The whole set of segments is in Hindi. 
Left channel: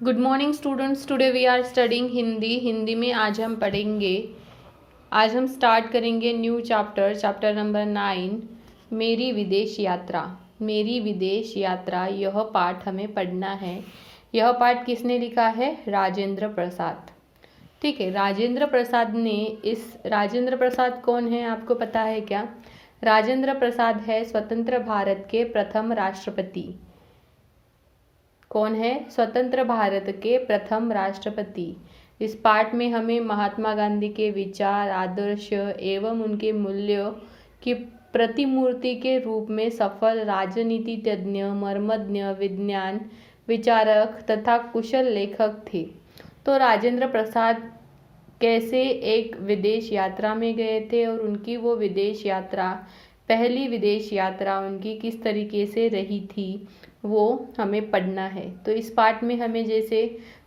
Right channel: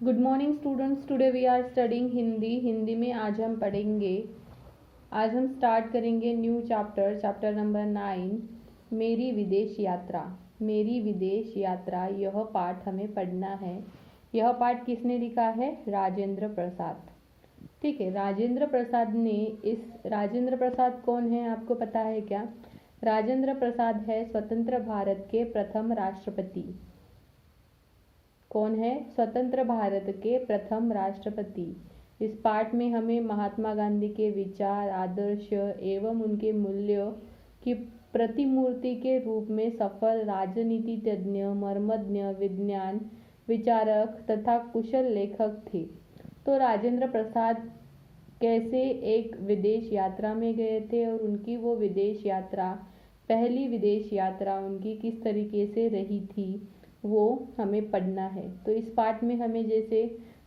Good morning students. Today we are studying Hindi में आज हम पढ़ेंगे। आज हम स्टार्ट करेंगे न्यू चैप्टर नंबर 9, मेरी विदेश यात्रा। मेरी विदेश यात्रा, यह पाठ हमें पढ़ना है। यह पाठ किसने लिखा है? राजेंद्र प्रसाद। ठीक है, राजेंद्र प्रसाद ने राजेंद्र प्रसाद कौन है, आपको पता है क्या? राजेंद्र प्रसाद है स्वतंत्र भारत के प्रथम राष्ट्रपति। कौन है? स्वतंत्र भारत के प्रथम राष्ट्रपति। इस पाठ में हमें महात्मा गांधी के विचार, आदर्श एवं उनके मूल्यों की प्रतिमूर्ति के रूप में सफल राजनीतिज्ञ, मर्मज्ञ, विज्ञान विचारक तथा कुशल लेखक थे। तो राजेंद्र प्रसाद कैसे एक विदेश यात्रा में गए थे और उनकी वो विदेश यात्रा, पहली विदेश यात्रा उनकी किस तरीके से रही थी, वो हमें पढ़ना है। तो इस पाठ में हमें जैसे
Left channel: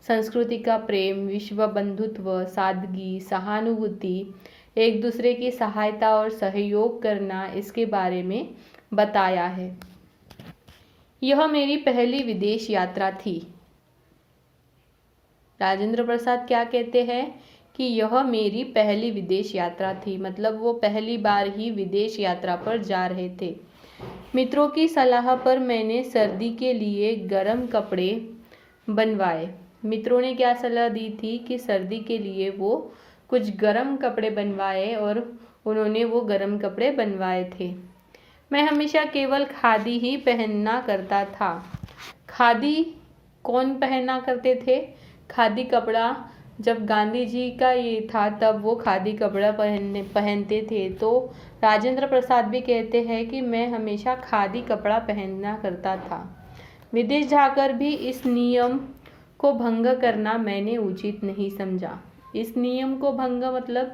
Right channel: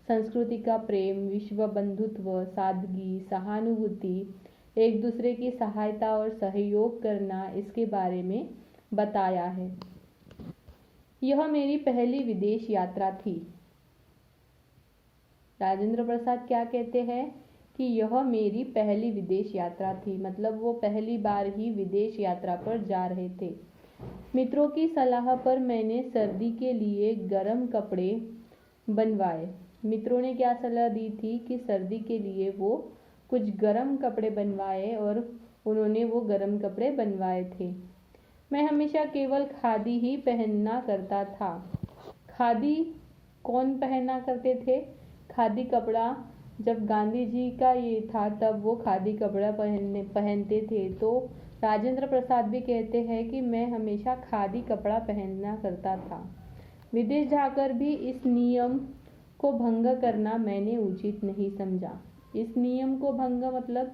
संस्कृति का प्रेम, विश्व बंधुत्व, सादगी, सहानुभूति, एक दूसरे की सहायता और सहयोग करना, इसके बारे में बताया है। यह मेरी पहली विदेश यात्रा थी। राजेंद्र प्रसाद क्या कहते हैं कि यह मेरी पहली विदेश यात्रा थी, मतलब वो पहली बार ही विदेश यात्रा पर जा रहे थे। मित्रों की सलाह पर मैंने सर्दी के लिए गर्म कपड़े बनवाए। मित्रों ने क्या सलाह दी थी कि सर्दी के लिए वो कुछ गर्म कपड़े बनवाए और उन्होंने वो गर्म कपड़े बनवाए थे। मैं हमेशा केवल खादी ही पहनना करता था। खादी कौन पहना करते थे? खादी कपड़ा जब गांधी जी का ये था तब वो खादी कपड़ा पहनते थे। तो राजेंद्र प्रसाद भी कहते हैं कि मैं हमेशा खादी कपड़ा पहनना करता था। विदेश जाकर भी इस नियम को भंग करना मैंने उचित नहीं समझा। इस नियम को भंग मतलब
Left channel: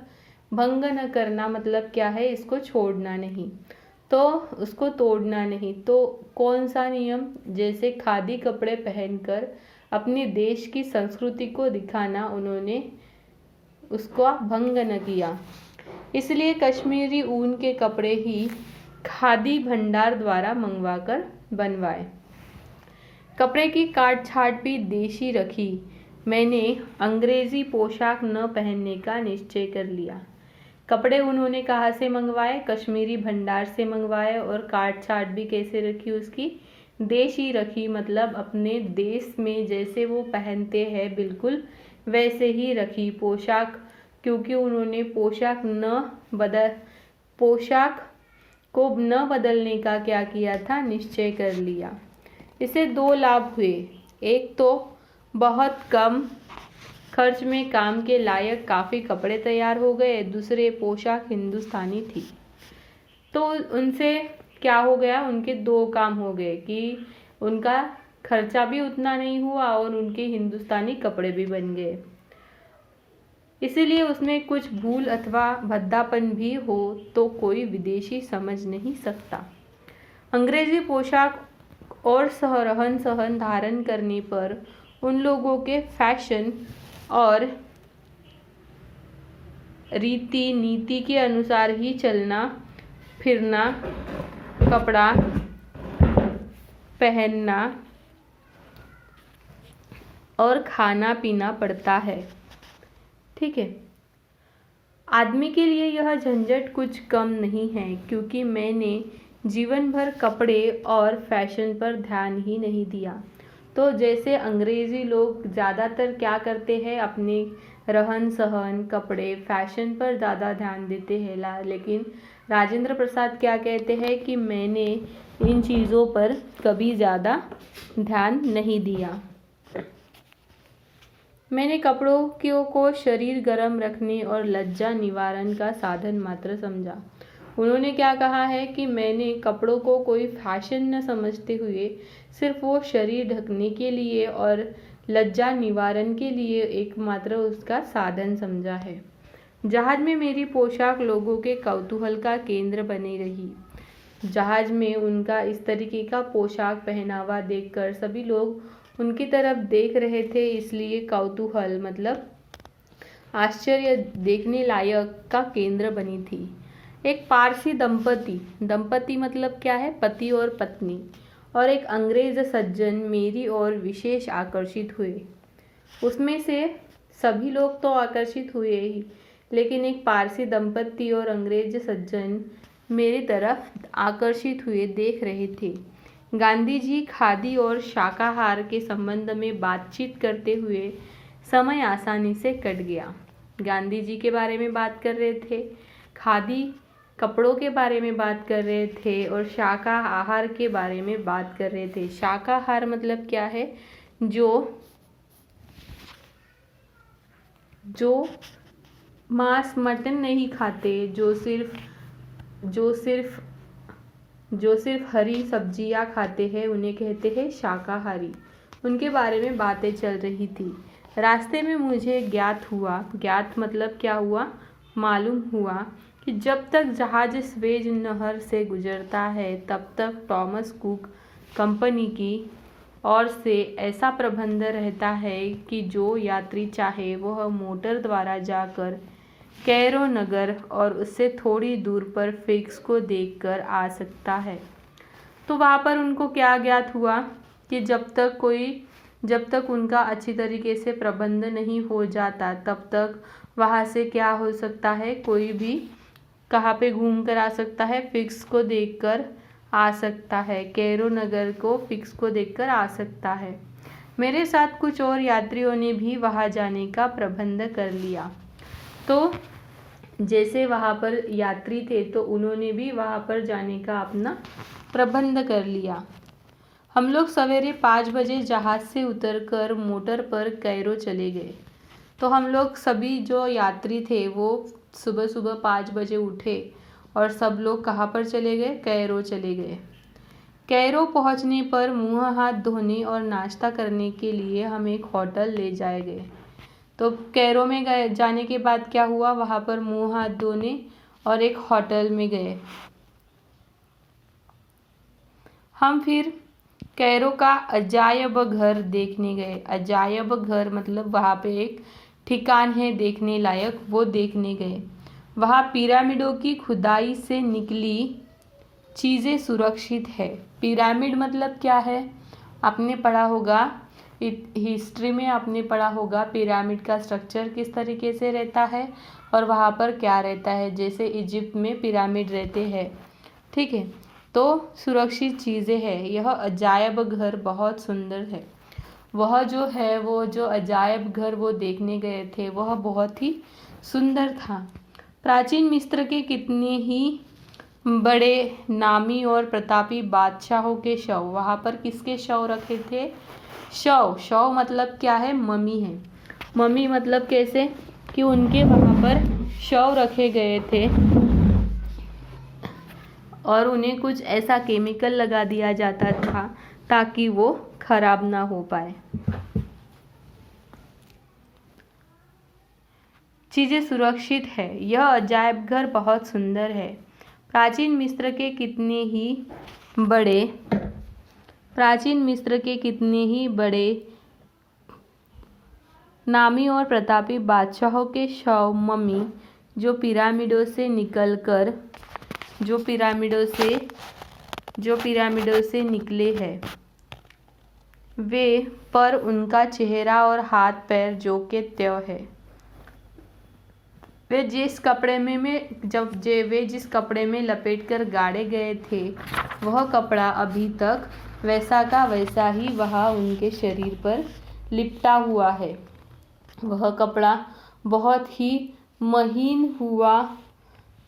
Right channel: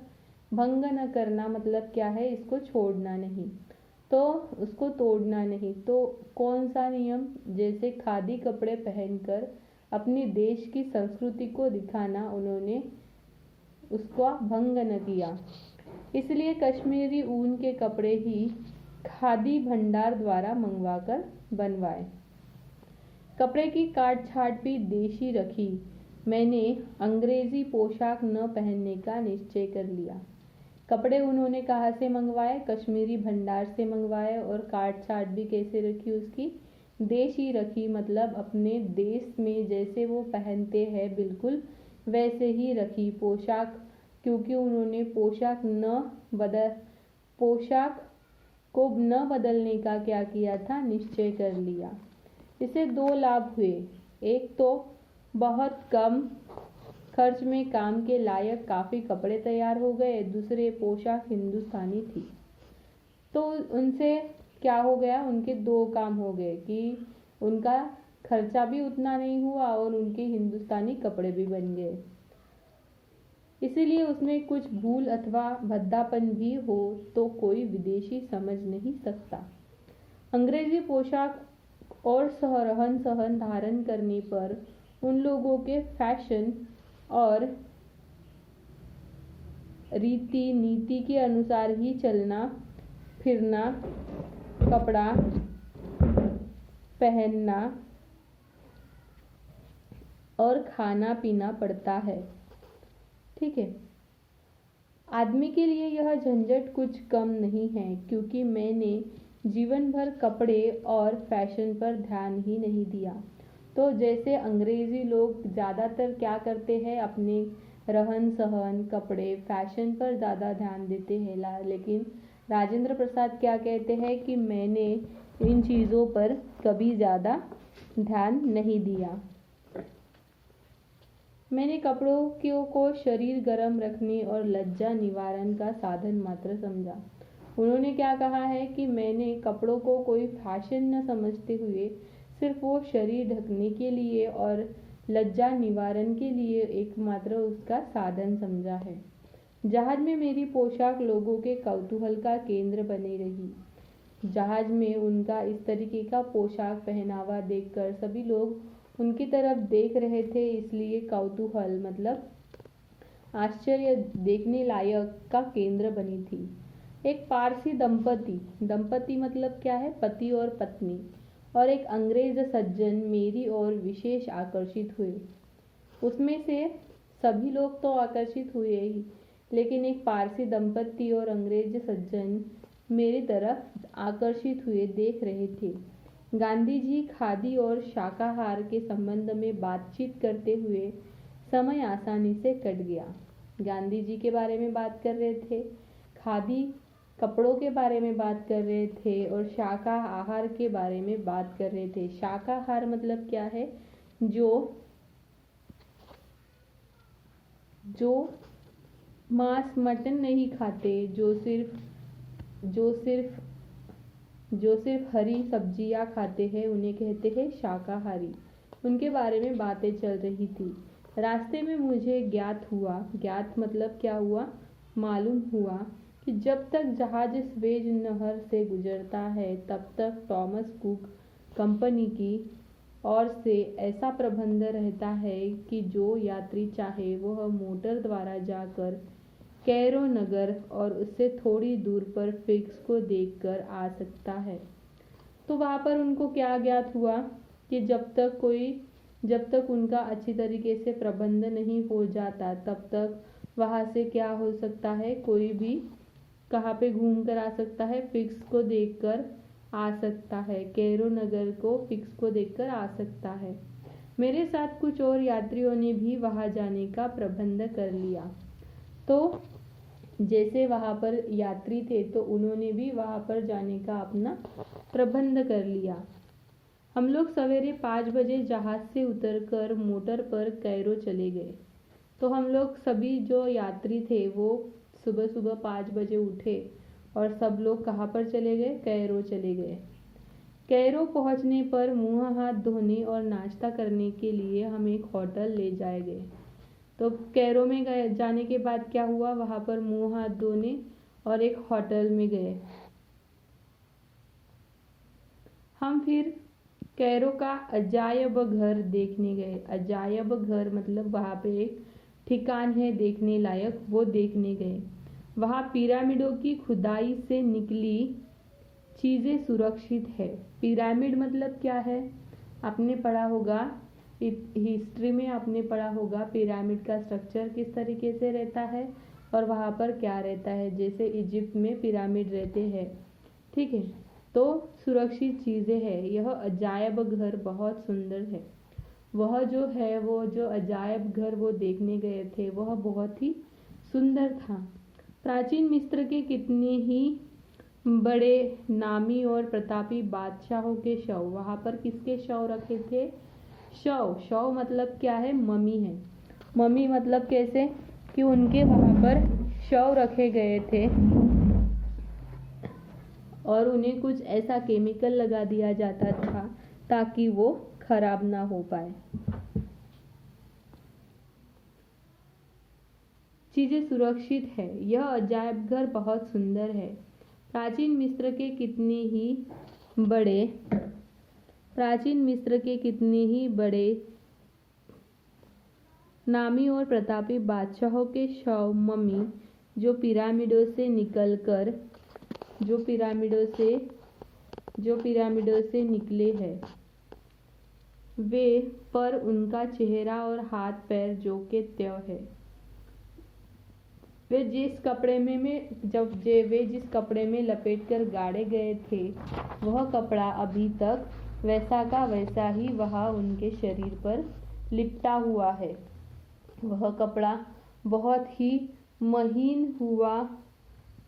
भंग न करना मतलब क्या है? इसको छोड़ना नहीं, तो उसको तोड़ना नहीं। तो कौन सा नियम? जैसे खादी कपड़े पहनकर अपने देश की संस्कृति को दिखाना, उन्होंने उसको भंग न किया। इसलिए कश्मीरी ऊन के कपड़े ही खादी भंडार द्वारा मंगवाकर बनवाए। कपड़े की काट छाट भी देशी रखी। मैंने अंग्रेजी पोशाक न पहनने का निश्चय कर लिया। कपड़े उन्होंने कहाँ से मंगवाए? कश्मीरी भंडार से मंगवाए। और काट छाट भी कैसे रखी उसकी? देशी रखी, मतलब अपने देश में जैसे वो पहनते हैं बिल्कुल वैसे ही रखी पोशाक, क्योंकि उन्होंने पोशाक को न बदलने का क्या किया था? निश्चय कर लिया। इससे दो लाभ हुए। एक तो बहुत कम खर्च में काम के लायक काफ़ी कपड़े तैयार हो गए। दूसरे, पोशाक हिंदुस्तानी थी। तो उनसे क्या हो गया? उनके दो काम हो गए कि उनका खर्चा भी उतना नहीं हुआ और उनके हिंदुस्तानी कपड़े भी बन गए। इसीलिए उसमें कुछ भूल अथवा भद्दापन भी हो तो कोई विदेशी समझ नहीं सकता। अंग्रेजी पोशाक और रहन सहन धारण करने पर उन लोगों के फैशन और रीति नीति के अनुसार ही चलना फिरना, कपड़ा पहनना और खाना पीना पड़ता है। ठीक है, आदमी के लिए यह झंझट कुछ कम नहीं है, क्योंकि मैंने जीवन भर कपड़े और फैशन पर ध्यान ही नहीं दिया। तो जैसे अंग्रेजी लोग ज़्यादातर क्या करते हैं? अपने रहन सहन, कपड़े, फैशन पर ज़्यादा ध्यान देते हैं, लेकिन राजेंद्र प्रसाद क्या कहते हैं कि मैंने इन चीज़ों पर कभी ज़्यादा ध्यान नहीं दिया। मैंने कपड़ों को शरीर गर्म रखने और लज्जा निवारण का साधन मात्र समझा। उन्होंने क्या कहा है कि मैंने कपड़ों को कोई फैशन न समझते हुए सिर्फ वो शरीर ढकने के लिए और लज्जा निवारण के लिए एकमात्र उसका साधन समझा है। जहाज में मेरी पोशाक लोगों के कौतूहल का केंद्र बनी रही। जहाज में उनका इस तरीके का पोशाक पहनावा देखकर सभी लोग उनकी तरफ देख रहे थे, इसलिए कौतूहल मतलब आश्चर्य देखने लायक का केंद्र बनी थी। एक पारसी दंपति मतलब क्या है? पति और पत्नी, और एक अंग्रेज सज्जन मेरी ओर विशेष आकर्षित हुए। उसमें से सभी लोग तो आकर्षित हुए ही, लेकिन एक पारसी दंपति और अंग्रेज सज्जन मेरी तरफ आकर्षित हुए देख रहे थे। गांधी जी खादी और शाकाहार के संबंध में बातचीत करते हुए समय आसानी से कट गया। गांधी जी के बारे में बात कर रहे थे, खादी कपड़ों के बारे में बात कर रहे थे और शाकाहार के बारे में बात कर रहे थे। शाकाहार मतलब क्या है? जो मांस मटन नहीं खाते, जो सिर्फ हरी सब्जियां खाते हैं, उन्हें कहते हैं शाकाहारी। उनके बारे में बातें चल रही थी। रास्ते में मुझे ज्ञात मतलब क्या हुआ? मालूम हुआ कि जब तक जहाज स्वेज नहर से गुजरता है तब तक थॉमस कुक कंपनी की ओर से ऐसा प्रबंध रहता है कि जो यात्री चाहे वह मोटर द्वारा जाकर कैरो नगर और उससे थोड़ी दूर पर फिक्स को देखकर आ सकता है। तो वहाँ पर उनको क्या ज्ञात हुआ कि जब तक उनका अच्छी तरीके से प्रबंध नहीं हो जाता तब तक वहाँ से क्या हो सकता है, कोई भी कहाँ पे घूम कर आ सकता है, फिक्स को देखकर आ सकता है, कैरो नगर को फिक्स को देखकर आ सकता है। मेरे साथ कुछ और यात्रियों ने भी वहाँ जाने का प्रबंध कर लिया। तो जैसे वहाँ पर यात्री थे तो उन्होंने भी वहाँ पर जाने का अपना प्रबंध कर लिया। हम लोग सवेरे 5 बजे जहाज से उतरकर मोटर पर कैरो चले गए। तो हम लोग सभी जो यात्री थे वो सुबह सुबह 5 बजे उठे और सब लोग कहाँ पर चले गए? कैरो चले गए। कैरो पहुँचने पर मुँह हाथ धोने और नाश्ता करने के लिए हम एक होटल ले जाए गए। तो कैरो में जाने के बाद क्या हुआ? वहाँ पर मुँह हाथ धोने और एक होटल में गए। हम फिर कैरो का अजायब घर देखने गए। अजायब घर मतलब वहाँ पे एक ठिकान है देखने लायक, वो देखने गए। वहाँ पिरामिडों की खुदाई से निकली चीज़ें सुरक्षित है। पिरामिड मतलब क्या है? आपने पढ़ा होगा, हिस्ट्री में आपने पढ़ा होगा पिरामिड का स्ट्रक्चर किस तरीके से रहता है और वहाँ पर क्या रहता है। जैसे इजिप्ट में पिरामिड रहते हैं, ठीक है। तो सुरक्षित चीज़ें हैं। यह अजायब घर बहुत सुंदर है। वह जो है वो जो अजायब घर वो देखने गए थे वह बहुत ही सुंदर था। प्राचीन मिस्र के कितने ही बड़े नामी और प्रतापी बादशाहों के शव, वहाँ पर किसके शव रखे थे? शव मतलब क्या है? मम्मी है। मम्मी मतलब कैसे कि उनके वहाँ पर शव रखे गए थे और उन्हें कुछ ऐसा केमिकल लगा दिया जाता था ताकि वो खराब ना हो पाए। चीज़ें सुरक्षित है। यह अजायब घर बहुत सुंदर है। प्राचीन मिस्र के कितने ही बड़े नामी और प्रतापी बादशाहों के शव मम्मी जो पिरामिडों से निकले हैं वे, पर उनका चेहरा और हाथ पैर जो के त्यों है। वे जिस कपड़े में लपेट कर गाड़े गए थे वह कपड़ा अभी तक वैसा का वैसा ही वहाँ उनके शरीर पर लिपटा हुआ है। वह कपड़ा बहुत ही महीन हुआ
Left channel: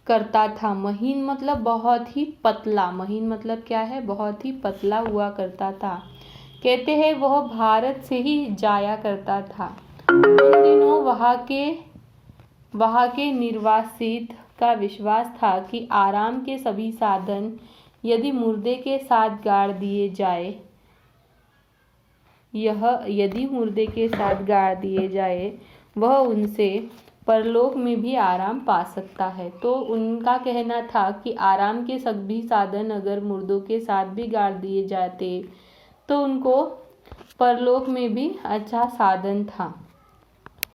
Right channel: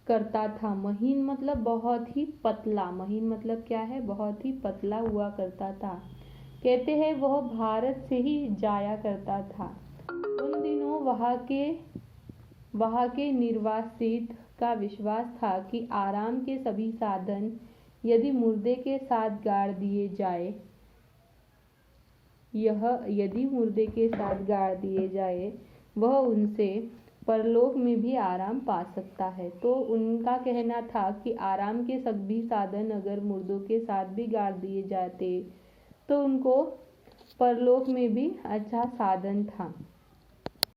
करता था। महीन मतलब बहुत ही पतला। महीन मतलब क्या है? बहुत ही पतला हुआ करता था। कहते हैं वह भारत से ही जाया करता था। उन दिनों वहाँ के निर्वासित का विश्वास था कि आराम के सभी साधन यदि मुर्दे के साथ गाड़ दिए जाए वह उनसे परलोक में भी आराम पा सकता है। तो उनका कहना था कि आराम के सभी साधन अगर मुर्दों के साथ भी गाड़ दिए जाते तो उनको परलोक में भी अच्छा साधन था।